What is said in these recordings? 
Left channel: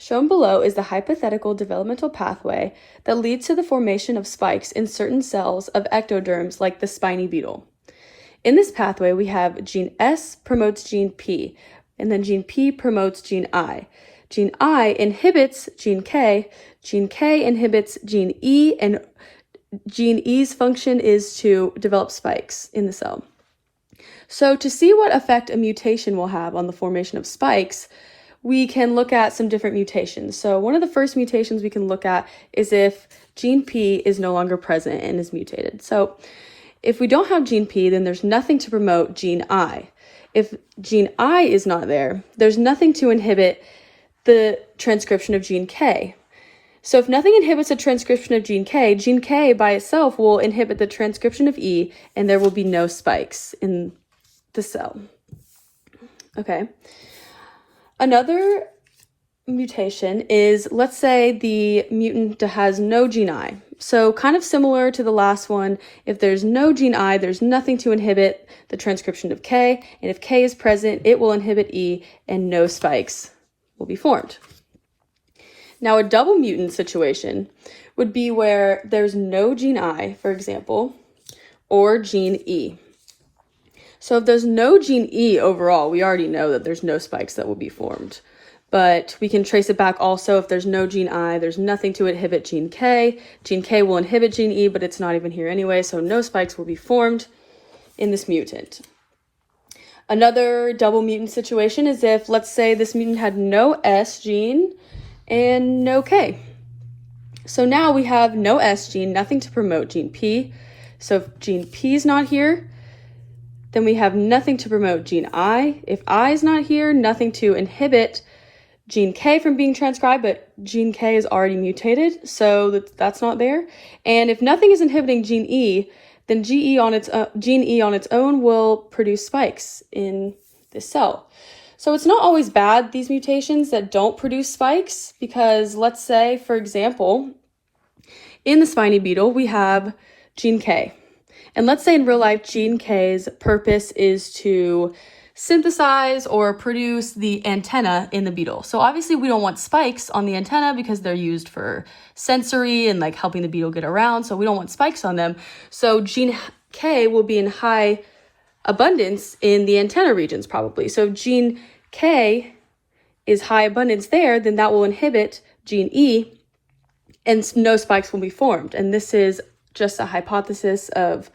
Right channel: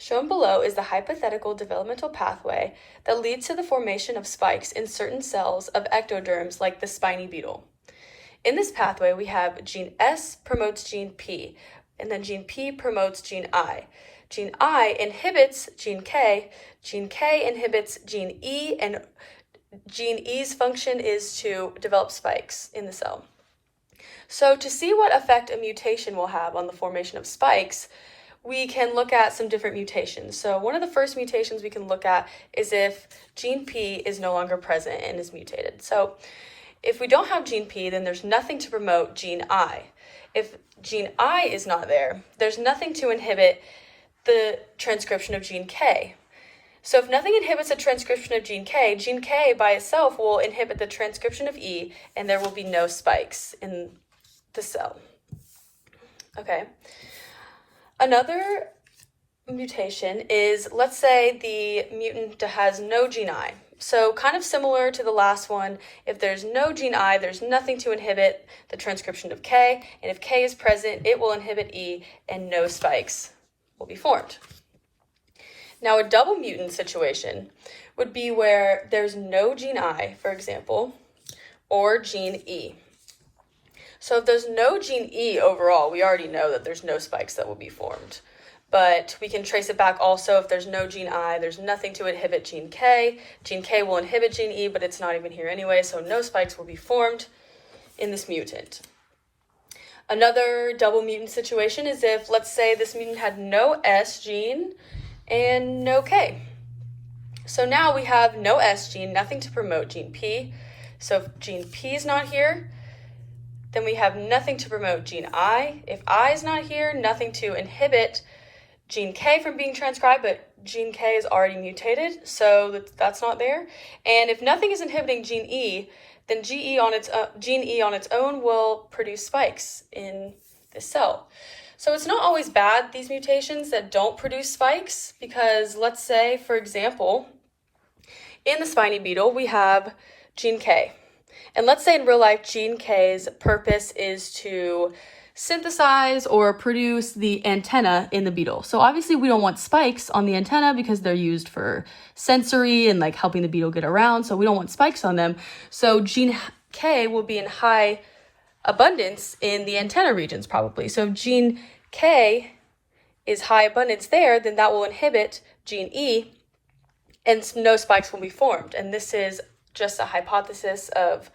Shown below is the hypothetical developmental pathway that leads to the formation of spikes in certain cells of ectoderms like the spiny beetle. In this pathway, we have gene S promotes gene P, and then gene P promotes gene I. Gene I inhibits gene K inhibits gene E, and gene E's function is to develop spikes in the cell. So to see what effect a mutation will have on the formation of spikes, we can look at some different mutations. So one of the first mutations we can look at is if gene P is no longer present and is mutated. So if we don't have gene P, then there's nothing to promote gene I. If gene I is not there, there's nothing to inhibit the transcription of gene K. So if nothing inhibits the transcription of gene K by itself will inhibit the transcription of E, and there will be no spikes in the cell. Okay. Another mutation is, let's say the mutant has no gene I. So kind of similar to the last one, if there's no gene I, there's nothing to inhibit the transcription of K, and if K is present, it will inhibit E, and no spikes will be formed. Now, a double mutant situation would be where there's no gene I, for example, or gene E. So if there's no gene E overall, we already know that there's no spikes that will be formed. But we can trace it back also. If there's no gene I, there's nothing to inhibit gene K. Gene K will inhibit gene E, but it's not even here anyway, so no spikes will be formed in this mutant. Another double mutant situation is if, let's say, this mutant had no S gene and no K. So now we have no S gene, nothing to promote gene P. So if gene P is not here, then we have nothing to promote gene I. If I is not here, nothing to inhibit gene K from being transcribed, but gene K is already mutated, so that's not there. And if nothing is inhibiting gene E, then gene E on its own will produce spikes in the cell. So it's not always bad, these mutations that don't produce spikes, because let's say, for example, in the spiny beetle, we have gene K. And let's say in real life, gene K's purpose is to synthesize or produce the antenna in the beetle. So obviously we don't want spikes on the antenna because they're used for sensory and like helping the beetle get around. So we don't want spikes on them. So gene K will be in high abundance in the antenna regions probably. So if gene K is high abundance there, then that will inhibit gene E and no spikes will be formed. And this is just a hypothesis of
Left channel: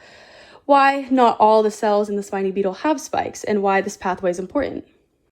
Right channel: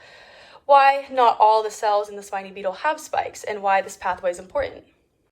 why not all the cells in the spiny beetle have spikes and why this pathway is important.